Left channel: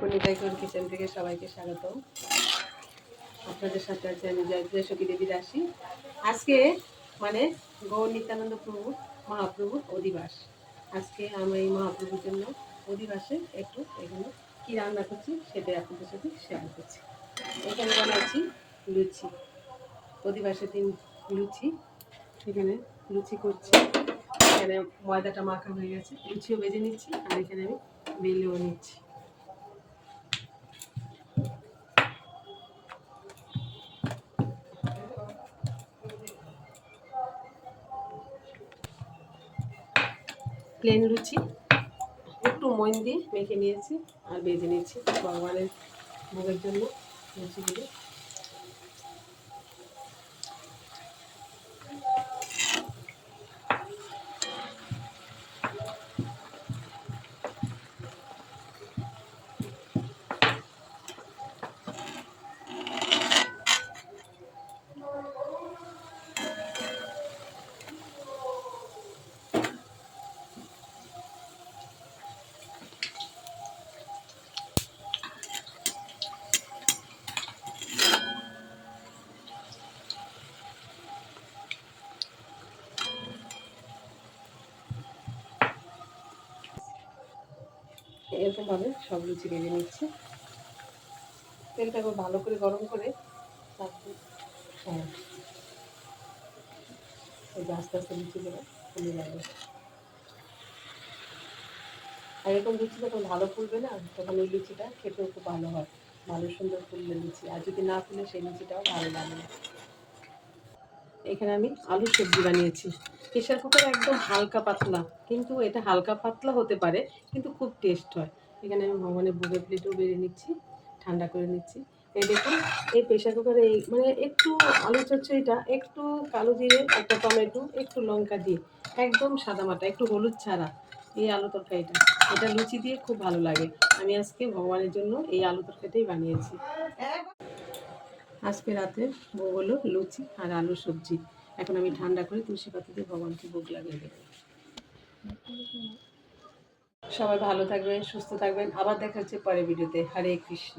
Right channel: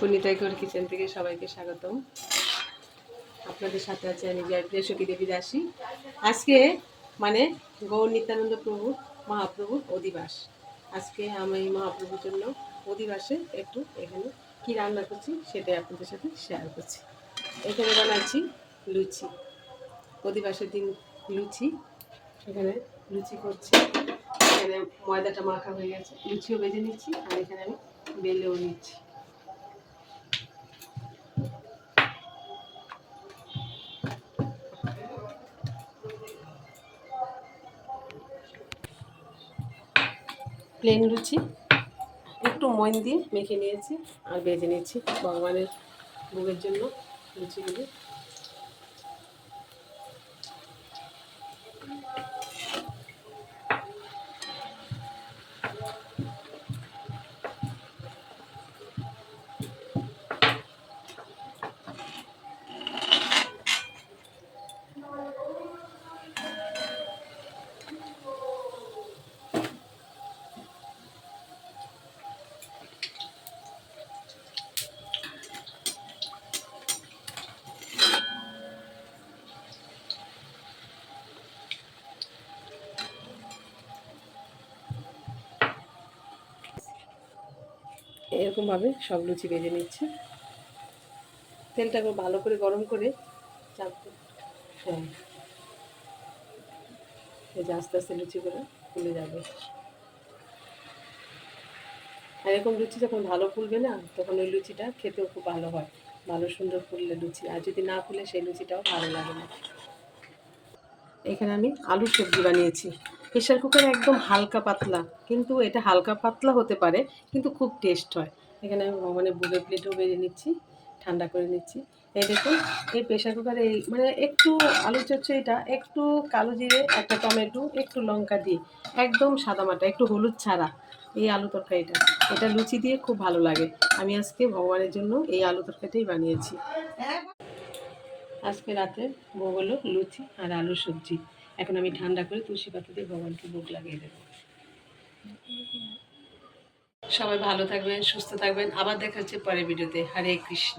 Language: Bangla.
পুনিতাই কোর কিচেন থেকে সবাইকে স্বাগতম। আপনাদের সাথে আছে আমি জয়প্রিয়া সখী দেবী দাসী। আজকে মানে গৌর নিত্যানন্দ প্রভু মহাপ্রভুর অধিবাস। আজকে আমি মহাপ্রভুর জন্য অধিবাসে একটু এখানে কি রান্না করছি সেটাই আপনাদের সাথে শেয়ার করছি। এখানে বানাচ্ছি লুচি, অধিবাসের দিন লুচি। এখানে লুচি করছি, এখানে ময়দাটা মাখা হয়ে গেছে, লুচিও বেজে নিচ্ছি আর এখানে আমি বেলেও নিচ্ছি। প্লেন লুচি একটু ময়ন দিয়ে মেখে নিয়েছি আর বেজে নিচ্ছি ভগবানের ভোগের জন্য লুচিগুলো। এরকমভাবে সব লুচি বেজে নিচ্ছে। তেলটা খুব ভালো করে গরম করে হ্যাঁ, এই যে আস্তে আস্তে লুচিগুলো ফুলে যাবে। এরকম লুচি যখন ভালো ফুলবে না তখন ওই লুচিটা খেতেও খুব ভালো হয়, ভালো সুন্দর ফুললে লুচি। আর যদি না ফুলে সেই লুচিটাও ভালো লাগে না। এখানে আমি আলুর সবজি বানিয়েছি। প্রেশার কুকারে একদম হালকা পাতলা, কিন্তু এটা হালকা পাতলা হতে পারে কিন্তু খুব টেস্ট হয়। এখানে আমি মানে বুকের প্লেটেও বেরিয়ে নিচ্ছি, ঠান্ডা করে নিচ্ছি। এই দেখুন, এই প্রেশার কুকারে এই মানে একটু আলু চচ্চড়িটা একটু কালো জিরে, একটা টমেটো, একটু লঙ্কা দিই, একদম সাদামাটা, একটু হলুদ ছাড়া এই আলু তরকারিটা, এটা লুচি দিয়ে খুব ভালো লাগে। আমি আজকে ভগবানের জন্য এই আলু তরকারিটাই বানিয়েছি। আজকে রাতে ভোগ হলো লুচি আর আলুর সবজি। এখন আমি ঠান্ডা করে তুলসী পাতা দিয়ে ভগবানকে ভোগ লাগিয়ে দেবো। সবাই ভালো থাকবেন, সুস্থ থাকবেন। আবার দেখা হচ্ছে পরের ভিডিওতে। হরে কৃষ্ণ।